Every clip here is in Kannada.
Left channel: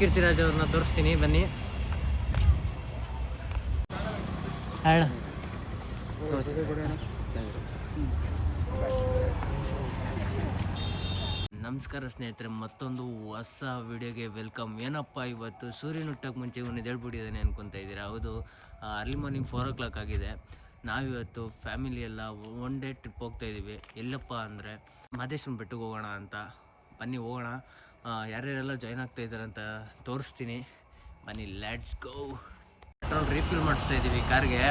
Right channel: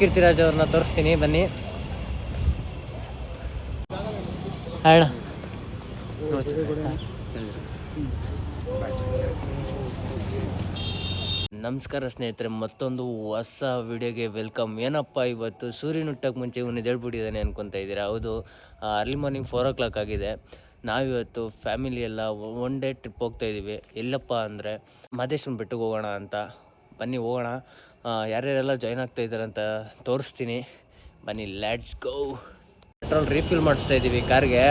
ಕೀರ್ತಿರಾಜ್ ಅವ್ರನ್ನ ತೋರಿಸ್ತೀನಿ ಬನ್ನಿ. ಹೇಳ ನಮಸ್ಕಾರ ಸ್ನೇಹಿತರೆ, ಮತ್ತೊಂದು ಹೊಸ ವಿಡಿಯೋಗೆ ವೆಲ್ಕಮ್. ಏನಪ್ಪ ಇವತ್ತು ಸೂರ್ಯನ ಹುಟ್ಟಕ್ಕೆ ಮುಂಚೆ ಇವನು ಎದ್ದೇಳ್ಬಿಟ್ಟಿದ್ದಾನೆ ಅನ್ಕೊತಾ ಇದ್ದೀರಾ? ಹೌದು, ಅರ್ಲಿ ಮಾರ್ನಿಂಗ್ 4 o'clock ಆಗಿದೆ. ನಾವಿವತ್ತು ಫ್ಯಾಮಿಲಿ ಎಲ್ಲ ಒನ್ ಡೇ ಟ್ರಿಪ್ ಹೋಗ್ತಾಯಿದ್ದೀವಿ. ಎಲ್ಲಪ್ಪ ಅಂದರೆ ಮಹದೇಶ್ವರನ ಬೆಟ್ಟಕ್ಕೆ ಹೋಗೋಣ ಅಂತ. ಬನ್ನಿ ಹೋಗೋಣ. ಯಾರ್ಯಾರೆಲ್ಲ ಜಾಯ್ನ್ ಆಗ್ತಾ ಇದ್ದಾರೆ ಅಂತ ತೋರಿಸ್ತೀನಿ ಬನ್ನಿ. Let's go. ಪೆಟ್ರೋಲ್ ರೀಫಿಲ್ ಮಾಡಿಸ್ತಾ ಇದ್ದೀವಿ ಕಾರ್ಗೆ.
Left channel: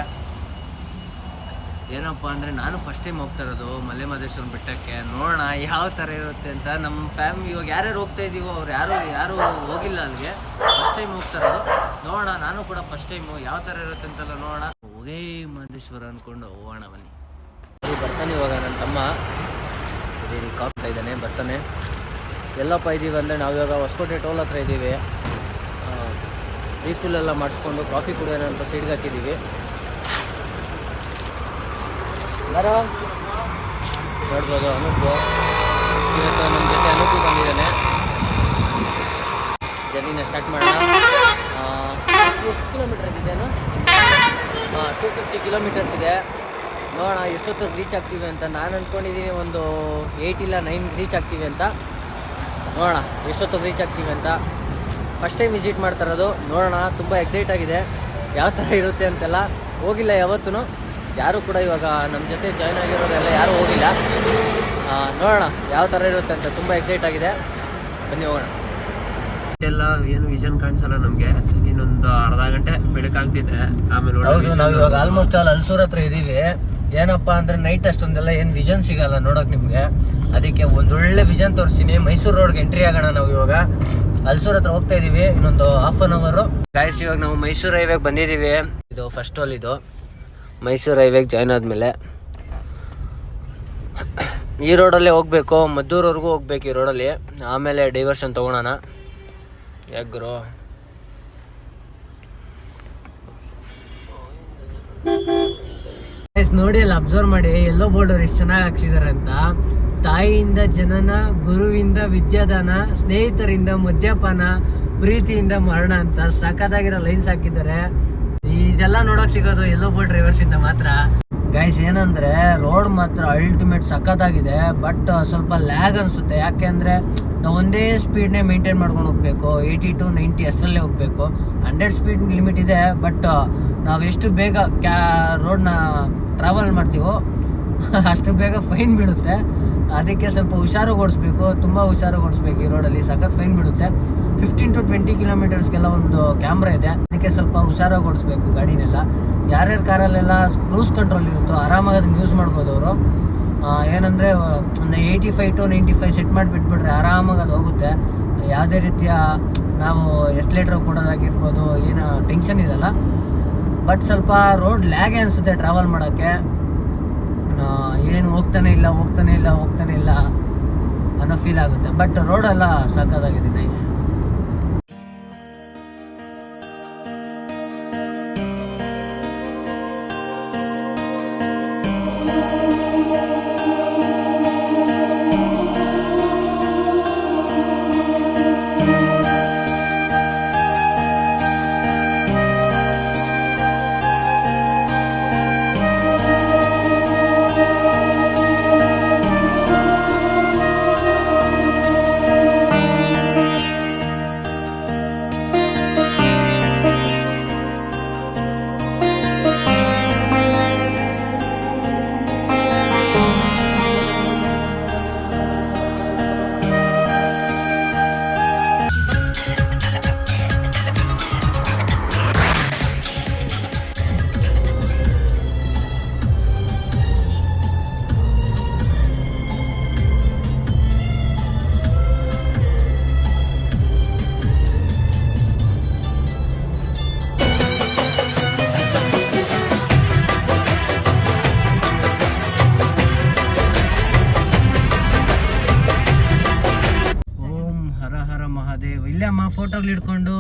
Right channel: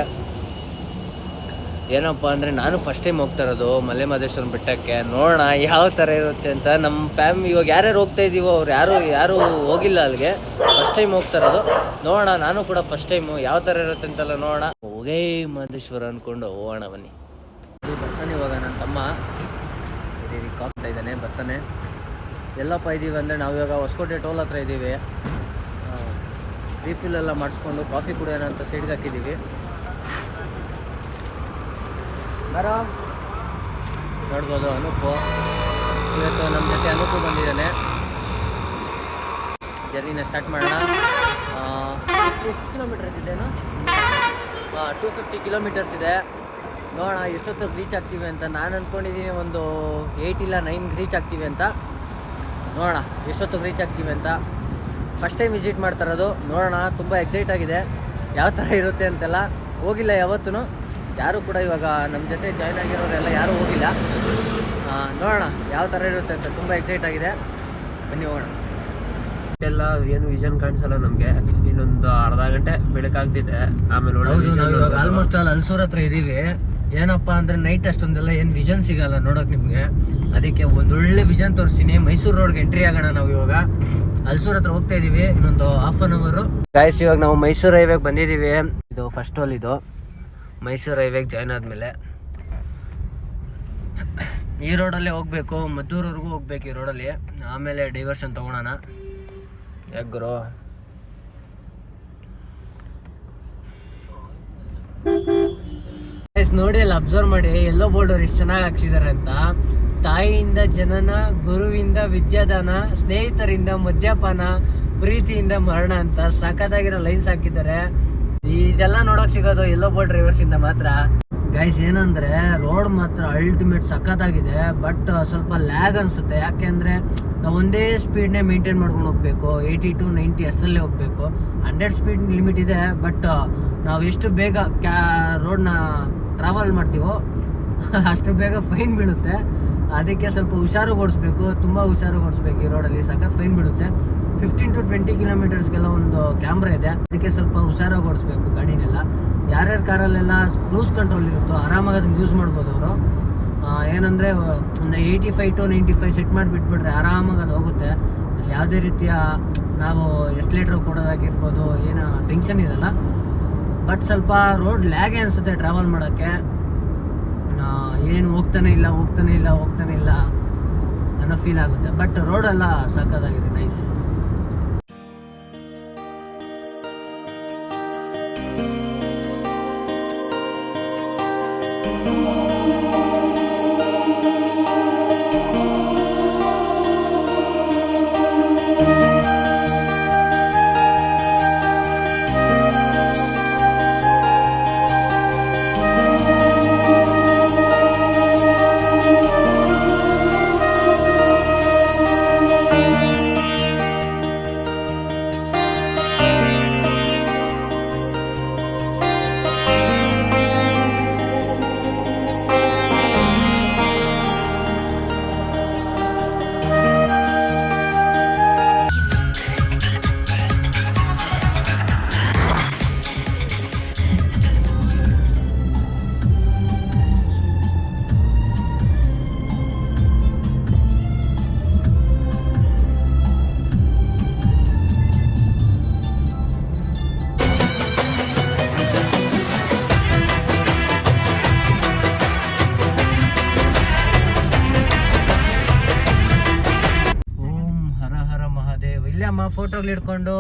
ಏನಪ್ಪ ಅಂದರೆ ನಾನು ಫಸ್ಟ್ ಟೈಮ್ ಹೋಗ್ತಾ ಇರೋದು ಮಲೆ ಮಹದೇಶ್ವರನ ಬೆಟ್ಟಕ್ಕೆ. ನೋಡೋಣ ಯಾವ ಥರ ಇರುತ್ತೆ ಅಂತ. ನಮ್ಮ ಫ್ಯಾಮಿಲಿ ಇವಾಗ ಯಾರ್ಯಾರು ಹೋಗ್ತಾ ಇದ್ದೀವೋ ಅವ್ರು ಯಾರೂ ಹೋಗಿಲ್ಲ ಅಲ್ಲಿಗೆ, ಫಸ್ಟ್ ಟೈಮ್ ಹೋಗ್ತಾ ಇರೋದು. ನೋಡೋಣ, ನಾನು ಕೂಡ ಫಸ್ಟ್ ಟೈಮು ಯಾವ ಥರ ಇರುತ್ತೆ ಅಂತೆಲ್ಲ ನೋಡೋಣ. ಹೋಗೇ ಮಹದೇಶ್ವರ ಅಂದ್ಕೊಂಡು ಹೋಗೋಣ ಬನ್ನಿ. ಬರ್ತಾನೆ ಇವಾಗ ನನ್ನ ತಮ್ಮ ಕಾಫ್ತಾ ಇದ್ದಾನೆ, ಬರ್ತಾನೆ. ಎಲ್ಲಪ್ಪ ಇದ್ದೀವಿ ಅಂದರೆ ನಾವು ಇವಾಗ ಹೊಸಕೋಟೆ ಟೋಲ್ ಹತ್ರ ಇದ್ದೀವಿ. ರೀಫಿಲ್ಲೆಲ್ಲ ಮಾಡಿಸ್ಕೊಂಡು ಕಾಫಿ ಕುಡಿಯೋಣ ಅಂತ ಸೈಡ್ಗೆ ಹಾಕಿದ್ದೀವಿ. ಬರೋ ನೋಡ್ಬೋದು ಅನೂಪು. ಇವತ್ತು ನಮ್ಮ ಜೊತೆ ಅನೂಪು ಬಂದಿದ್ದಾನೆ. ಜರ್ನಿನ ಸ್ಟಾರ್ಟ್ ಮಾಡೋಣ. ಎಷ್ಟು ಕಿಲೋಮೀಟರ್ಸ್ ಇದೆಯೋ? 250 ಕಿಲೋಮೀಟರ್ಸ್ ಇದೆ. ನೋಡೋಣ ಎಷ್ಟೊತ್ತಿಗೆ ರೀಚ್ ಆಗ್ತೀವಿ ಅಂತ. ನಾನು ಅಂದ್ಕೊಂಡಿದ್ದೀನಿ ಒಂದು 8 ಇಲ್ಲ 9 ರೀಚ್ ಆಗ್ತೀವಿ ಅಂತ. ನೋಡೋಣ ಎಷ್ಟೊತ್ತಿಗೆ ರೀಚ್ ಆಗ್ತೀವಿ ಅಂತ. ಫಸ್ಟ್ ಟೈಮ್ ವಿಸಿಟ್ ಮಾಡ್ತಾ ಇರೋದು. ನೋಡೋಣ, ತುಂಬ ಎಕ್ಸೈಟ್ ಆಗಿದೆ ಯಾವ ಥರ ಇರುತ್ತೆ ಅಂತೆಲ್ಲ. ಹೋಗಿಲ್ಲ ಯಾವತ್ತೂ, ಯಾರೂ ಕೂಡ ಇವಾಗ ನಮ್ಮ ಜೊತೆ ಜಾಯ್ನ್ ಆಗಿರೋರೆಲ್ಲ ಯಾರೂ ಹೋಗಿಲ್ಲ. ನೋಡೋಣ ಯಾವ ಥರ ಇರುತ್ತೆ ಅಂತ. ತುಂಬ ಎಕ್ಸೈಟ್ ಆಗಿದೆ, ಬನ್ನಿ ಹೋಗೋಣ. ಎಲ್ಲ ಏನು ವಿಷನ್ ಕಾಣಿಸಲ್ಲ ನಮಗೆ. ಇನ್ನೊಂದು ಅರ್ಧ ಗಂಟೆ ಬೆಳಕಾಗ್ತಿದೆ. ಆಮೇಲೆ ನಾವು ಇವಾಗ ಆಲ್ಮೋಸ್ಟ್ ಹಲ್ಸೂರ್ ಹತ್ರ ಇದ್ದೀವಿ. ಏನಪ್ಪ ಅಂದರೆ ನೈಟ್ ಅಷ್ಟೊಂದೆಲ್ಲ ಏನು ವಿಷನ್ ಸಿಗಲ್ಲ ನೋಡೋಕೆ ನಿಮಗೆ. ಅದಕ್ಕೆ ಒಂದೊಳ್ಳೆ ವಿಷನ್ ತೋರಿಸ್ತೀನಿ. ಮೈಸೂರು ರೋಡ್ಗೆ ಎಂಟ್ರಿ ಆಗೋಣ. ನಾವು ಇವಾಗ ಹಲ್ಸೂರ್ ಹತ್ರ ಹೋಗ್ತಾ ಇದ್ದೀವಿ. ಇನ್ನೊಂದು ಹಾಫ್ ಆನ್ ಅವರು ಗಾಯ್ಸ್. ಇವಾಗ ನಾವು ಮೈಸೂರು ಹೈವೇಗೆ ಬಂದಿದ್ದೀವಿ. ಇದು ಫಸ್ಟ್ ಟೋಲ್. ಇದು ಮೈಸೂರು ಹೈವೇಗೆ ಜಾಯ್ನ್ ಆದಮೇಲೆ ಈ ರೋಡಲ್ಲೇ ಹೋಗಬೇಕು, ಮದ್ದೂರವರೆಗೂ ಹೋಗ್ಬೇಕು ಈ ರೋಡಲ್ಲಿ. ಆಮೇಲೆ ಡೈವರ್ಷನ್ ತೊಗೊಳೋಣ. ಯಾಗ್ರು ನೋಡಿ, ಅಲ್ಲಿ ಅಬ್ಸರ್ವ್ ಮಾಡಿ ಎಲ್ಲೋ ಬೋರ್ಡರ್ ಎಷ್ಟು ಚೆನ್ನಾಗಿ ಹಾಕ್ಸಿದ್ದಾರೆ ಅಂತ. ತಾಯಿಯಿಂದ ಜನನ, ಗುರುವಿಂದ ವಿದ್ಯಾದಾನ, ಸ್ನೇಹಿತರಿಂದ ಮದ್ಯಪಾನ, ಪ್ರೀತಿಯಿಂದ ಮರಣ ಅಂತ ಸಖತ್ತಾಗಿರೋ ಲೈನ್ಸ್ ಹಾಕಿದ್ದಾರೆ. ಇದೆಲ್ಲ ನೋಡೋಕೆ ಸಿಗೋದು ಎಲ್ಲೋ ಬೋರ್ಡ್ ರಿವರ್ಸ್ ಇಂದ ಮಾತ್ರ. ಗೈಸ್ ಏನಂದರೆ ರೋಡ್ ಮಾತ್ರ ಅಲ್ಟಿಮೇಟ್ ಸಖತ್ತಾಗಿದೆ. ಬಟ್ ಸ್ವಲ್ಪ ಲ್ಯಾಗ್ ಅನಿಸುತ್ತೆ. ಯಾಕೆ ಅಂದರೆ ನಾವು ಒಂದೇ ಸ್ಪೀಡ್ನೇ ಮೇಂಟೈನ್ ಮಾಡ್ಕೊಂಡು ಹೋಗಬೇಕು. 80 to 90 ಅಷ್ಟರಲ್ಲೇ ಹೋಗಬೇಕು. 100 ಸ್ಪೀಡ್ ಲಿಮಿಟ್ ಇದೆ. ಬಟ್ ನಾವು ಎಷ್ಟು ಬೇಗ ರೋಡ್ನ ಟ್ರಾವೆಲ್ ಮಾಡ್ತೀವೋ ಅಷ್ಟು ಬೇಗ ಫೈನ್ ಬೀಳುತ್ತೆ. ಅದಕ್ಕೆ ಸ್ವಲ್ಪ ಹುಷಾರಾಗಿ ಓಡಿಸ್ಬೇಕು, ತುಂಬ ಹುಷಾರಾಗಿ ಓಡಿಸ್ಬೇಕು. ಈ ರೋಡಲ್ಲಿ ಸಖತ್ ಫೈನ್ ಬಿಡುತ್ತೆ. 15 to 20 ಕಿಲೋಮೀಟರ್ಸ್ಗೆಲ್ಲ ಒಂದು ಕ್ಯಾಮ್ರಾ ಇದೆ. ಅದಕ್ಕೆ ಸ್ವಲ್ಪ ಹುಷಾರಾಗಿ ಓಡಿಸ್ಬೇಕು ಗಾಡಿನೆಲ್ಲ. ಯಾರ್ಯಾರ ಕಾರಲ್ಲೆಲ್ಲ ಕ್ರೂಸ್ ಕಂಟ್ರೋಲ್ ಇರುತ್ತೋ ಆರಾಮಾಗಿ ಅದನ್ನು ಯೂಸ್ ಮಾಡ್ಬೋದು ಅವರು. ಏನಂದರೆ ಒಂದು 85 to 95 ಸೆಟ್ ಮಾಡಿ ಬಿಟ್ಬಿಟ್ರೆ ಆರಾಮಾಗಿ ಅದು ಹೋಗುತ್ತೆ. ಯಾವುದೇ ರೀತಿಯ ನಾವು ಎಸ್ಲೇಟರ್ ಕೊಡೋದಾಗಿರ್ಬೋದು ಏನು ಟೆನ್ಷನ್ ಇರಲ್ಲ. ಬಟ್ ಸ್ವಲ್ಪ ರೋಡ್ ಲ್ಯಾಗ್ ಅನಿಸುತ್ತೆ ಟ್ರಾವೆಲ್ ಮಾಡೋಕ್ಕೆ. ಏನು ಹೋಗ್ತಾನೆ ಇಲ್ಲ ಅನ್ನೋ ಫೀಲ್ ಆಗುತ್ತೆ. ಬಟ್ ರೋಡೆಲ್ಲ ಸಖತ್ತಾಗಿದೆ, ನೈಸ್. ಫೋಟೋಗಳು ಹಿಡ್ಕೊಂಡು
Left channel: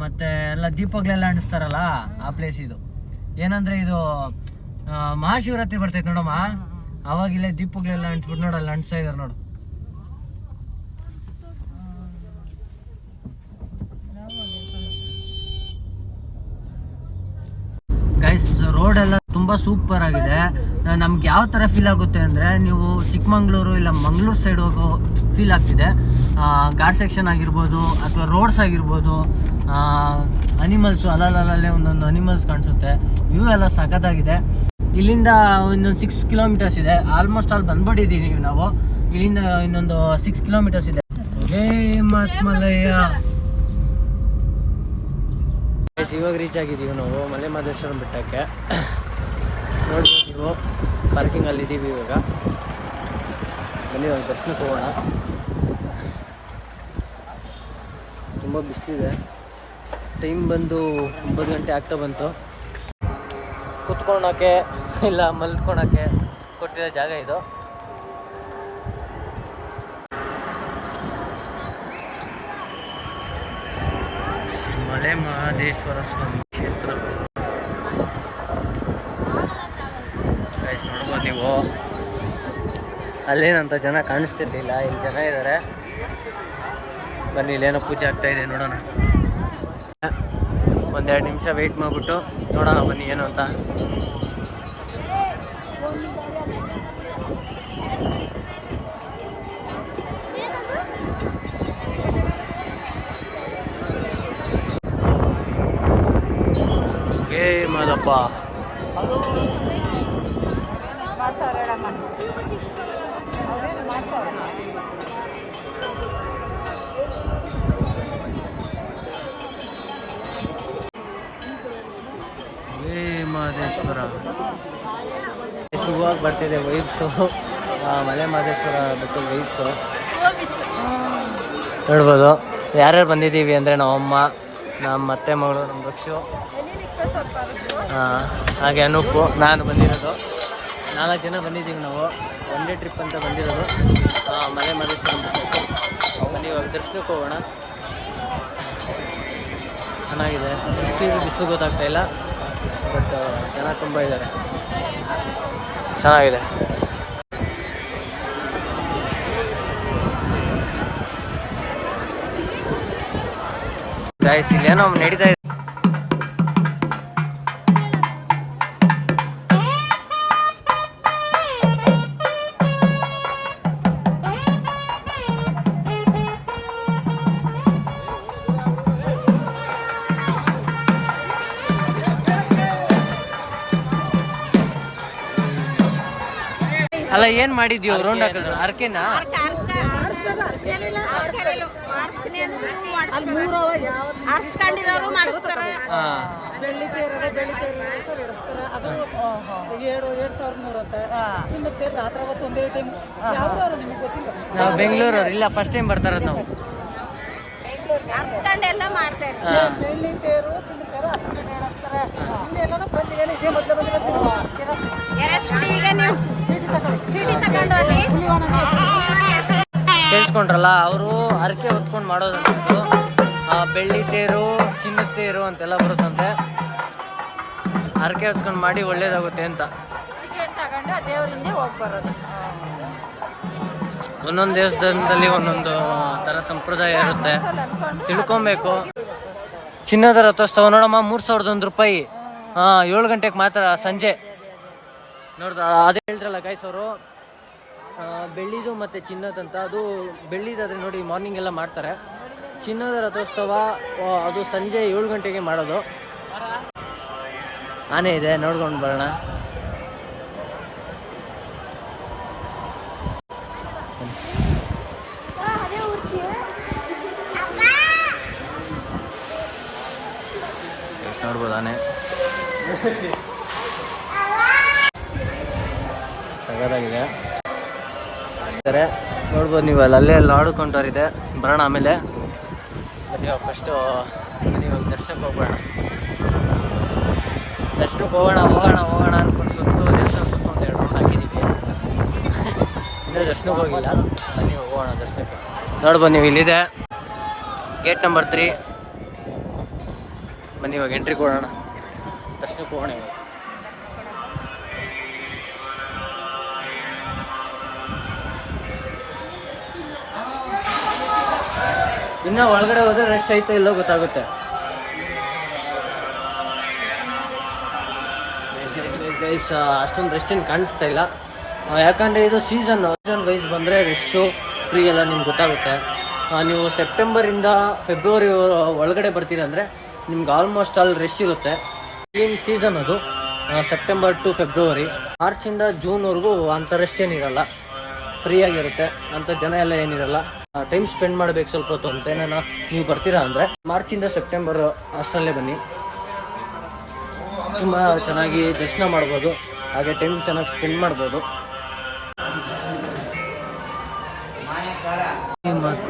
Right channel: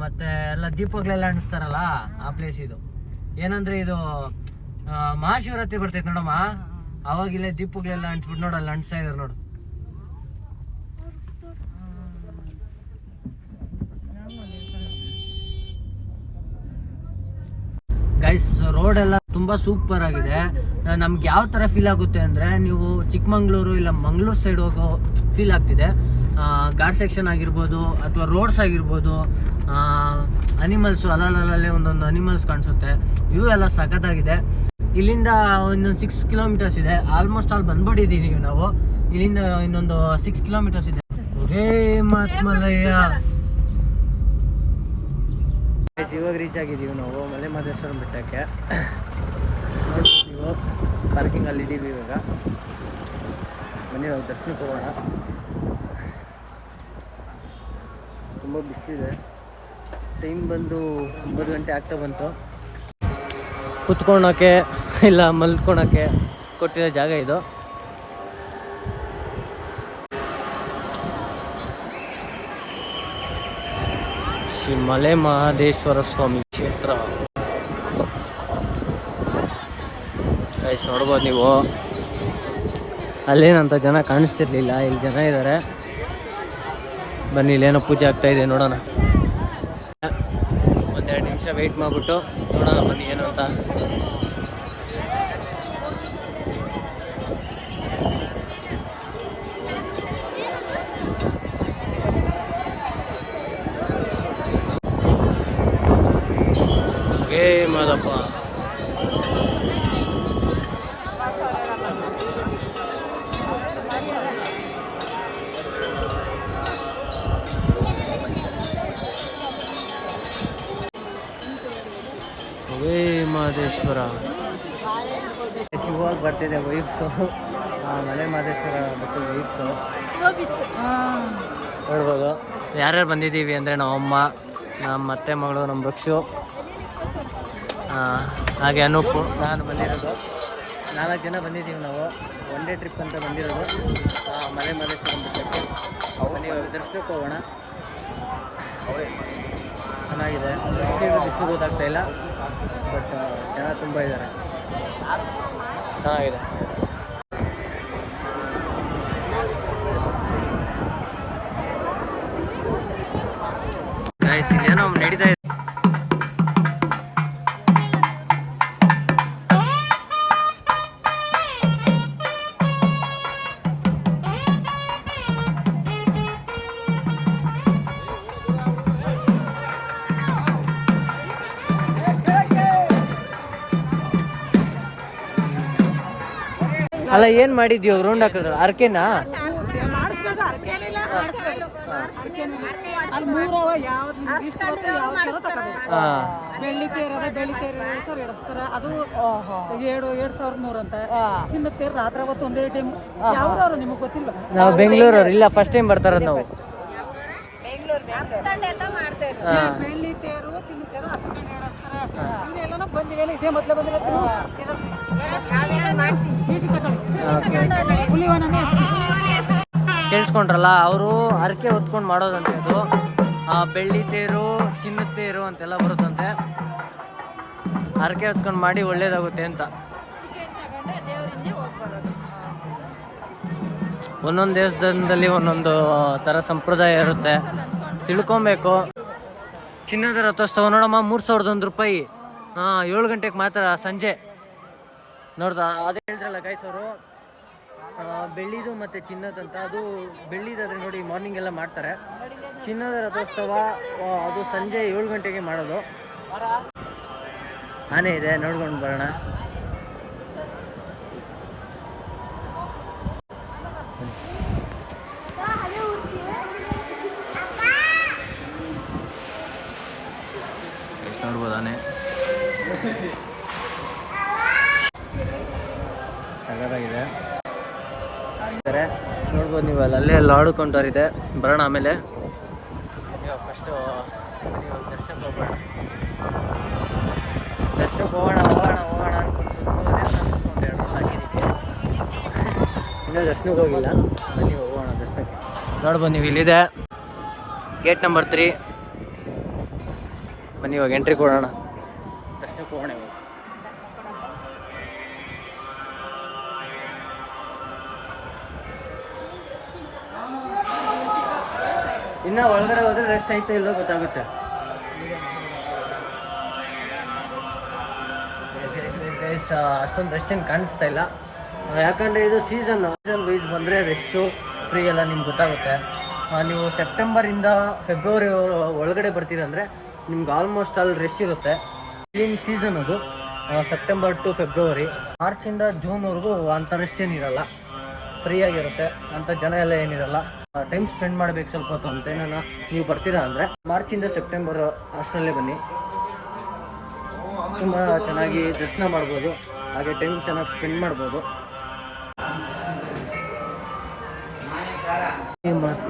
ಮತ್ತೆ ಎಲ್ಲ ದೀಪಗಳೆಲ್ಲ ಅಂಟಿಸ್ತಾರಲ್ಲ ಆ ಪ್ಲೇಸ್ ಇದು. ಏನಂದ್ರೆ ಇದು ಮಹಾಶಿವರಾತ್ರಿ ಬರ್ತೈತೆ ನೋಡಮ್ಮ, ಅವಾಗ ಇಲ್ಲೇ ದೀಪಗಳೆಲ್ಲ ಅಂಟಿಸ್ಬಿಟ್ಟು ನೋಡಲ್ಲ ಅಂಟಿಸ್ತಾ ಇದಾರೆ ನೋಡು. ಗೈಸ್ ರೋಡೆಲ್ಲ ತುಂಬ ಸೂಪರ್ ಆಗಿದೆ. ನಮ್ಗೆ ಯಾವ ಥರ ಫೀಲ್ ಆಗುತ್ತೆ ಅಂದರೆ, ನೀವು ಚಿಕ್ಕಮಂಗ್ಳೂರು ಇಲ್ಲ ಮಂಗಳೂರು ಸೈಡ್ ಹೋಗೋ ಫೀಲ್ ಆಗ್ತಿದೆ. ಘಾಟ್ ಸೆಕ್ಷನ್ ಆಗಿರ್ಬೋದು ಅಥವಾ ರೋಡ್ಸ್ ಆಗಿರ್ಬೋದು, ಅನಿಮಲ್ಸು ಅಲ್ಲಲ್ಲೇ ಒಂದೊಂದು ಅನಿಮಲ್ಸ್ ಕಾಣಿಸುತ್ತೆ. ವ್ಯೂ ಎಲ್ಲ ಸಖತ್ತಾಗಿದೆ. ಇಲ್ಲಿಂದ ಇನ್ನೊಂದು 6 ಕಿಲೋಮೀಟರ್ಸ್ ಇದೆ. ಆಲ್ಮೋಸ್ಟ್ ಅಲ್ಲಿ ಬಂದ್ಬಿಟ್ಟಿದ್ದೀವಿ ನಾವು. ಇಲ್ಲಿಂದ ಇನ್ನೊಂದು 6 ಕಿಲೋಮೀಟರ್ಸ್ ಇದೆ. ಹೇ ಮತ್ಮಲಯ್ಯ, ಇವಾಗ ರೀಚ್ ಆಗಿದ್ದೀವಿ ನಾವು ಮಲೆ ಮಹದೇಶ್ವರ ಬೆಟ್ಟಕ್ಕೆ. ನೋಡ್ತೀವಿ ಪಾರ್ಕಿಂಗಲ್ಲಿ ಇದ್ದೀವಿ ಇವಾಗ. ಬನ್ನಿ ಇವಾಗ ದರ್ಶನಕ್ಕೆ ಹೋಗೋಣ. ತುಂಬ ಬಿಸಿಲಿದೆ. ಟೈಮ್ ಬಂದು 9 ಗಂಟೆ ಆಗ್ತಾ ಬಂತು. ಕುತ್ಕೊಳಕ್ಕೆ ಇಲ್ಲ ಮಲ್ಕೊಳಕ್ಕೆ ಕೊಟ್ಟಿರೋ ಜಾಗ ಇದು. ಶ್ರೀ ಮಲೆ ಮಹದೇಶ್ವರ ಸ್ವಾಮಿ ಕ್ಷೇತ್ರ ನೋಡ್ಬೋದು ನೀವು. ಅಲ್ಲೇನಂತ ಜನ ಕಾಣಿಸ್ತಿರ್ಲಿಲ್ಲ, ಇಲ್ಲಿ ಜನ ಇದ್ದಾರೆ. ಬನ್ನಿ, ಇಲ್ಲೇನೋ ಪೂಜೆ ಆಗ್ತಾ ಇದೆ, ನೋಡೋಣ. 1-2 ನಿಮಿಷ ವೆಯ್ಟ್ ಮಾಡಿಬಿಟ್ಟು ನೋಡೋಣ ಬನ್ನಿ ಏನು ಅಂತ. ಏ ಮಾದಪ್ಪ, ಮಹದೇಶ್ವರ ಇವಾಗ ಬರ್ತಿದೆ ವೈಬ್ಸು. ಮಲೆ ಮಹದೇಶ್ವರ ಬೆಟ್ಟದ ವೈಬ್ಸು ನೋಡ್ಬೋದು. ಯಾರ್ಯಾರು ಬಂದಿದ್ದೀವಿ ಅಂದರೆ ನಮ್ಮಮ್ಮ, ನಮ್ಮ ಅತ್ತೆ ಮಗಳು, ನಮ್ಮ ರಕ್ಷು, ಹಾಗೆ ಅನೂಪು, ನಾನು ಬಂದಿರೋದು. 4 ಜನ ಬಂದಿದ್ದೀವಿ ನಾವು. ಒನ್ ಡೇ ಟ್ರಿಪ್ ಅಂತ ಬಂದಿರೋದು ಮಲೆ ಮಹದೇಶ್ವರ ಬೆಟ್ಟಕ್ಕೆ. ಬನ್ನಿ ಇವಾಗ ದರ್ಶನಕ್ಕೆ ಹೋಗೋಣ. ಚೆನ್ನಾಗಿದೆ. ಬಿಸಿಲು ಗೊತ್ತಾಗ್ತಾ ಇಲ್ಲ, ಬಟ್ ಜನ ತುಂಬ ಇದ್ದಾರೆ. ಚೆನ್ನಾಗಿದೆ. ಗೈಸ್ ಇಲ್ಲೇನೋ ನಡೀತಾ ಇದೆ. ಅಲ್ಲ ಏನು ಮಾಡಿದ್ವಿ ರೌಂಡ್ ಹಾಕಿದ್ರೆ ಅರ್ಕೆನಾ? ಬೆಳ್ಳಿ ತೇರು ಸರ್ ಎಡಸ್ತಾರ. ಅದು 7,300 ಅಂತ. ಚಿನ್ನದ ತೇರು ರಾತ್ರಿ ಅವತ್ತು ಒಂದೇ ಟೈಮ್. ಯಾವ್ರವ್ರು ನಿಮಗೆ ಗೊತ್ತಿಲ್ಲ? ನಾವು ಬೆಂಗಳೂರವ್ರು. ಇಲ್ಲ, ಫಸ್ಟ್ ಟೈಮ್ ಬರ್ತಾರ ನಾವು. ಬೆಳ್ಳಿ ತೇರು, ಚಿನ್ನ ತೇರು, ಇವನ್ನೆಲ್ಲ ಬಂದಿದ್ದೇನೆ. ಇದೇ ಮೊದಲು ಬಂದಿರೋದು. ಕೇಳಿಸ್ಕೊಂಡ್ರಲ್ಲ, ಅವರು ಹರಕೆ ಹೊತ್ಕೊಂಡು ಮಾಡೋದಂತೆ. ಅದು ಬೆಳ್ಳಿ ತೇರು, ಚಿನ್ನದ ತೇರು ಅಂತೆಲ್ಲ ಬರುತ್ತಂತೆ. ಹರಕೆ ಹೊತ್ಕೊಂಡು ಮಾಡಿ ಒಳ್ಳೇದಾಗುತ್ತೆ ಅಂತ. ಒಂದೊಂದು ದೇವಸ್ಥಾನದಲ್ಲಿ ಒಂದೊಂದು ಥರ ಸಂಪ್ರದಾಯ ಇರುತ್ತೆ, ತಿಳ್ಕೊಬೇಕು. ಚಿನ್ನದ ರಥೋತ್ಸವ ನೋಡಮ್ಮ, 3,001 ರೂಪಾಯಿ. 7 ಗಂಟೆಗೆ ಮಾತ್ರ ಸಂಜೆ. ನೋಡ್ದ ಅದೇ ಹೇಳ್ತಾರಲ್ಲ ಗೈಸ್ ಅವರು, ಬೆಳ್ಳಿದು ಮತ್ತು ಚಿನ್ನದಂತ. ಅದು ಬೆಳ್ಳಿದಾದರೆ ನೋಡಿ ಮಾರ್ನಿಂಗ್ ಎಲ್ಲ ಮಾಡ್ತಾರೆ. ಚಿನ್ನದ ರಥೋತ್ಸವ ಅದು ಸಂಜೆ 7 ಗಂಟೆಗೆ ಮಾಡೋದು. ಆನೆ ಇದೆ, ನೋಡ್ಕೊಂಡು ಬರೋಣ. ಎಷ್ಟು ನೋಡ್ಬೋದು ಆನೆ. ಸಗದಾಗಿದೆ ನೋಡ್ಬೋದು ನೀವು. ಅಲ್ಲೇ ಎಲ್ಲ ಆಡ್ಕೊಂಡವ್ರಿದೆ. ಬರೋಣ ಆಮೇಲೆ. ನೀವು ಫಸ್ಟು ನೀವು ದರ್ಶನಕ್ಕೆ ಹೋಗೋಣ. ಹೋಗೋಣ ಅಂದ್ಕೊಂಡು ಸುತ್ತು ದರ್ಶನ ಸುತ್ತು 2 ರೌಂಡ್ ಹಾಕಿದ್ದೀವಿ. ಇನ್ನೂ ದರ್ಶನಕ್ಕೆ ಹೋಗಿಲ್ಲ. ನೀವು ಹೋಗೋಣ ದರ್ಶನಕ್ಕೆ. ನೋಡ್ಬೋದು ನೀವು, ಇಲ್ಲಿದೆ ಗೇಟ್ ನಂಬರ್ 3. ಬನ್ನಿ ಇವಾಗ ಎಂಟ್ರಿ ಕೊಡೋಣ, ದರ್ಶನಕ್ಕೆ ಹೋಗೋಣ ಇವಾಗ. ಇನ್ನು ಒಳಗಡೆ ಹೋದರೆ ರಶ್ ಐತೆ ಇಲ್ಲೋ ಗೊತ್ತಾಗುತ್ತೆ. ಗೈಸ್ ಅಷ್ಟೊಂದು ರಶ್ ಏನು ಕಾಣಿಸ್ತಾ ಇಲ್ಲ, ಯಾಕಂದರೆ ಇದು ಸೀಸನ್ ವೈಸ್ ಬಂದರೆ ರಶ್ಶು ಫ್ರೀ ಎಲ್ಲ ನಿಮ್ಗೆ ಗೊತ್ತಾಗುತ್ತೆ. ನೀವು ಸೆಪ್ಟೆಂಬರಿಂದ ಫೆಬ್ರವರಿ ಒಳಗಡೆ ಬರ್ತೀರಿ ಅಂದರೆ ನಿಮ್ಗೆ ಆಲ್ಮೋಸ್ಟ್ ಅಲ್ಲಿ ರಶ್ ಇರುತ್ತೆ. ಏನು ಸೀಸನ್ ಅದು ಸೆಪ್ಟೆಂಬರ್ ಟು ಫೆಬ್ರವರಿ. ಮಾರ್ಚಿಂದ ಜೂನ್ವರೆಗೂ ಅಂಥ ರಶ್ ಏನಿರಲ್ಲ, ಫ್ರೀಯಾಗಿರುತ್ತೆ, ಅಂಥ ಜನ ಎಲ್ಲ ಏನಿರಲ್ಲ. ಟೈಮ್ ಸ್ಪೆಂಡ್ ಮಾಡಬೇಕು ಸ್ವಲ್ಪ ಹೊತ್ತು ಅಂತೇನೆ ನೀವು ಬರ್ತೀರಾ ಅಂದರೆ ಮಾರ್ಚಿಂದ ಸೆಪ್ಟೆಂಬರ್ ಅಷ್ಟರಲ್ಲೇ ಬನ್ನಿ, ತುಂಬ ಚೆನ್ನಾಗಿ ದರ್ಶನ ಮಾಡ್ಬೋದು, ಹಾಗೆ ಟೈಮ್ ಚೆನ್ನಾಗಿ ಸ್ಪೆಂಡ್ ಮಾಡ್ಬೋದು.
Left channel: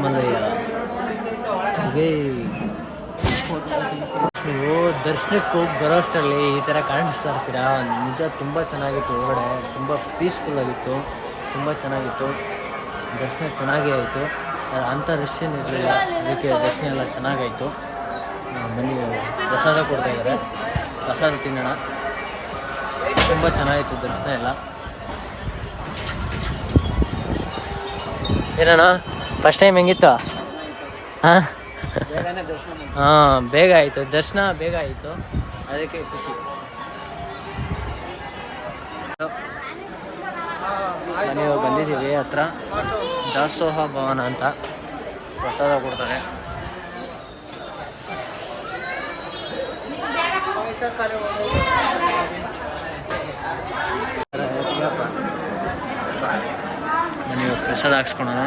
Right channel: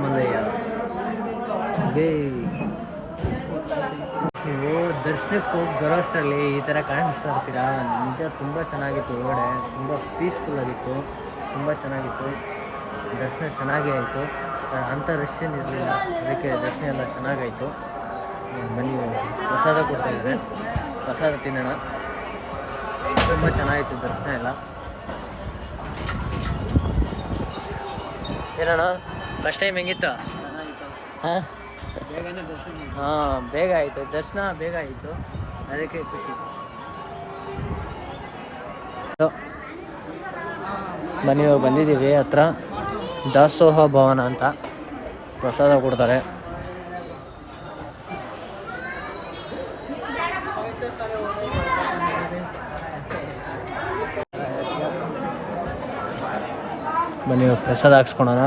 ಮಲಯ ನೀವು ದರ್ಶನಕ್ಕೆ ಹೋಗಿ ಬರೋಷ್ಟರಲ್ಲಿ ಈ ಥರ ಕಾಣಿಸ್ತಾ ಇರ್ತೀರಾ. ನಿಜ ತುಂಬ ಚೆನ್ನಾಗಿತ್ತು, ಒಳಗಡೆ ತುಂಬ ಪೀಸ್ಫುಲ್ ಆಗಿತ್ತು, ತುಂಬ ಚೆನ್ನಾಗಿತ್ತು. ದರ್ಶನ ಚೆನ್ನಾಗೇ ಆಯಿತು, ಅಂಥ ರಶ್ ಏನಿರಲಿಲ್ಲ, ಅದಕ್ಕೆ ದರ್ಶನ ಎಲ್ಲ ಚೆನ್ನಾಗಾಯಿತು. ಬನ್ನಿ, ಪ್ರಸಾದ ಕೊಡ್ತಾಯಿದ್ದಾರೆ, ಪ್ರಸಾದ ತಿನ್ನೋಣ. ತುಂಬ ಚೆನ್ನಾಗಿತ್ತು ದರ್ಶನ ಎಲ್ಲ. ಏನಣ್ಣ ಫಸ್ಟ್ ಟೈಮ್ ಹೆಂಗಿತ್ತು? ಹಾಂ ಬೇಗ ಆಯಿತು ದರ್ಶನ, ಬೇಗ ಆಯಿತು, ಅದಕ್ಕೆ ಖುಷಿ. ಬನ್ನಿ, ನಾವು ಬಂದಿದ್ದೀವಿ ಹತ್ರ ದಾಸೋಹ ಭವನ ಅಂತ, ಪ್ರಸಾದ ಕೊಡ್ತಾರೆ. ಬನ್ನಿ ಪ್ರಸಾದ ಹಾಕ್ಸ್ಕೊಳೋಣ.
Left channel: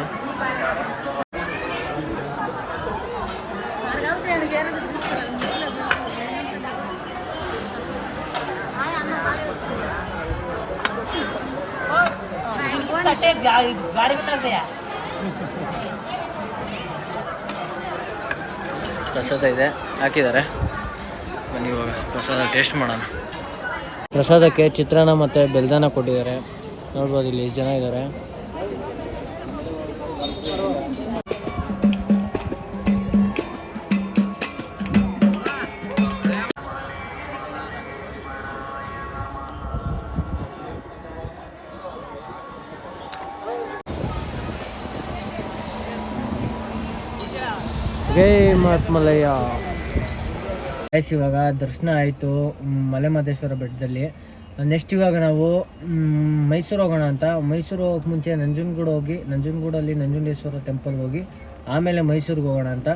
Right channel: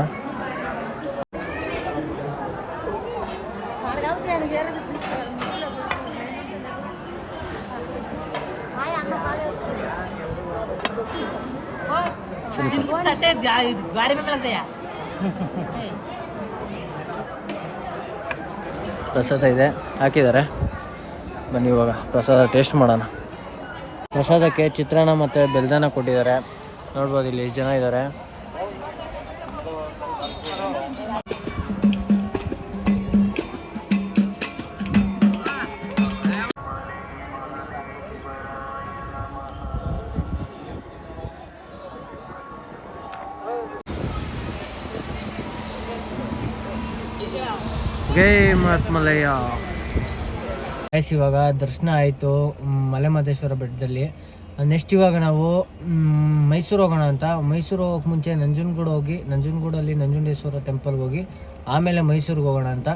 ಪ್ರಸಾದ ಇದೆ, ಹಾಕಿದ್ದಾರೆ. ಬನ್ನಿ ಇವಾಗ ಪ್ರಸಾದ ಟೇಸ್ಟ್ ಮಾಡೋಣ. ಪ್ರಸಾದಕ್ಕೆ ಚಿತ್ರಾನ್ನ ಮತ್ತು ಬೆಲ್ದಾನ ಕೊಟ್ಟಿದ್ದಾರೆ. ನೋಡ್ಬೋದು ಇಲ್ಲಿ ಎಷ್ಟು ಜನ ಇದ್ದಾರೆ. ಜೈ ಮಹಾತ್ಮಲಯ್ಯ. ಗೈಸ್ ಇವಾಗ ದರ್ಶನ ಆಯಿತು ಮಲೆಮಹದೇಶ್ವರ ಬೆಟ್ಟದಲ್ಲಿ. ನೆಕ್ಸ್ಟ್ ಇವಾಗ ನಾವು ಮೈಸೂರು ಹೋಗೋಣ ಅಂತ. ಮೈಸೂರು ಹೋಗೋಕೆ ಮುಂಚೆ ನಂಜನಗೂಡು ಹೋಗಿ, ನಂಜನಗೂಡಲ್ಲಿ ನಂಜುಂಡೇಶ್ವರ ಟೆಂಪಲ್ಗೆ ಹೋಗಿ ಆಮೇಲೆ ಮೈಸೂರಿಗೆ ಹೋಗೋಣ ಅಂತ.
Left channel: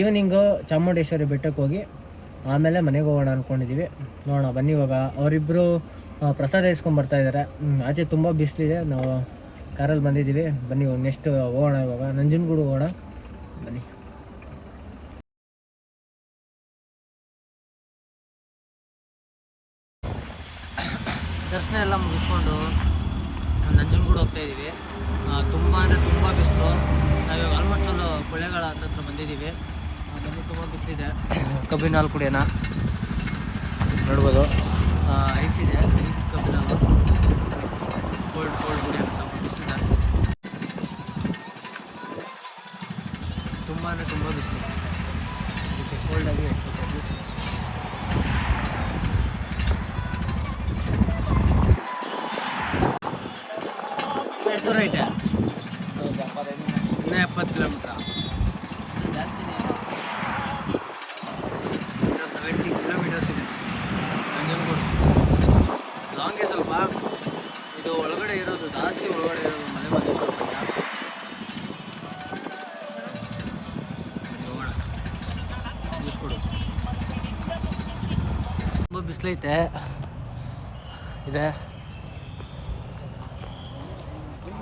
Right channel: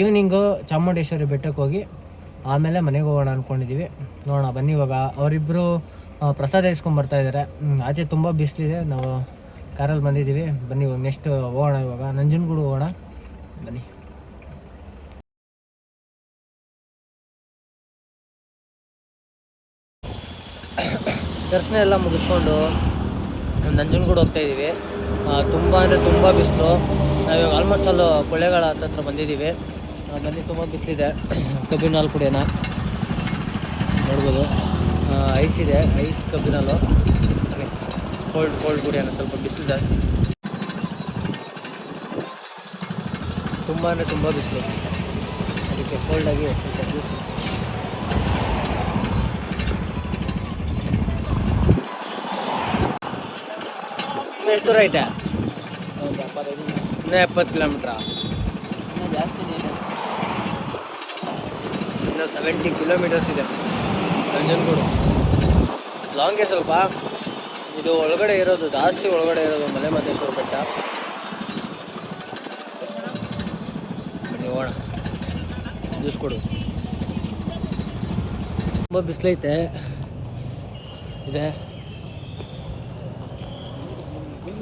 ಈವ್ನಿಂಗು ಚಾಮುಂಡೇಶ್ವರಿ ಬೆಟ್ಟಕ್ಕೆ ಹೋಗಿ ಆಮೇಲೆ ಮನೆಗೆ ಹೋಗೋಣ ಅಂದ್ಕೊಂಡಿದ್ದೀವಿ. ನೋಡೋಣ ಬನ್ನಿ. ಇವಾಗ ಅವರಿಬ್ಬರು ಪ್ರಸಾದ ಇಸ್ಕೊಂಡ್ಬರ್ತಾ ಇದ್ದಾರೆ. ಆಚೆ ತುಂಬ ಬಿಸಿಲಿದೆ, ನಾವು ಕಾರಲ್ಲಿ ಬಂದಿದ್ದೀವಿ. ಬನ್ನಿ ನೆಕ್ಸ್ಟ್ ಹೋಗೋಣ, ಇವಾಗ ನಂಜನಗೂಡು ಹೋಗೋಣ. ಬನ್ನಿ. ದರ್ಶನ ಎಲ್ಲ ಮುಗಿಸ್ಕೊಂಡು ನಂಜನಗೂಡು ಹೋಗ್ತಾಯಿದ್ದೀವಿ. ತುಂಬ ಅಂದರೆ ತುಂಬ ಬಿಸಿಲು. ನಾವಿವಾಗ ಆಲ್ಮೋಸ್ಟ್ ಅಲ್ಲೂ ಕೊಳ್ಳೇಗಾಲ ಹತ್ರ ಬಂದಿದ್ದೀವಿ. ಬನ್ನಿ, ತುಂಬ ಬಿಸಿಲಿದೆ. ಕಬ್ಬಿನ ಹಾಲು ಕುಡಿಯೋಣ. ನೋಡ್ಬೋದು ಐಸ್ ಇದೆ, ಐಸ್ ಕಬ್ಬಿನ ಹಾಲು. ಕೋಲ್ಡ್ ಕುಡಿಯೋಣ, ಸ್ವಲ್ಪ ಬಿಸಿಲು ಜಾಸ್ತಿ. ತುಂಬ ಅಂದರೆ ತುಂಬ ಬಿಸಿಲು, ಅದಕ್ಕೆ ಕೋಲ್ಡಾಗಿ ಸ್ವಲ್ಪ ಜ್ಯೂಸ್. ಎಷ್ಟು ದೂರ ಐತೆ? ಇನ್ನೂ 70 ಕಿಲೋಮೀಟ್ರಾ? ಇನ್ನೂ ಜಾಸ್ತಿನೇ ಇದೆ, ಇನ್ನೂ 70 ಕಿಲೋಮೀಟರ್ಸ್ ಇದೆ ನಂಜನಗೂಡು. ಲಾಂಗೇ ಸ್ವಲ್ಪ. ಇದು ಒಳಗಡೆ ಇರೋದು, ಜಾಸ್ತಿ ಒಳಗಡೆ ಇರೋದು ಮಲೆಮಹದೇಶ್ವರ ಬೆಟ್ಟ. ಬನ್ನಿ ಹೋಗೋಣ, ಜ್ಯೂಸ್ ಕೊಡು. ತುಂಬ ಬಿಸಿಲೈತೆ ಇದೆ,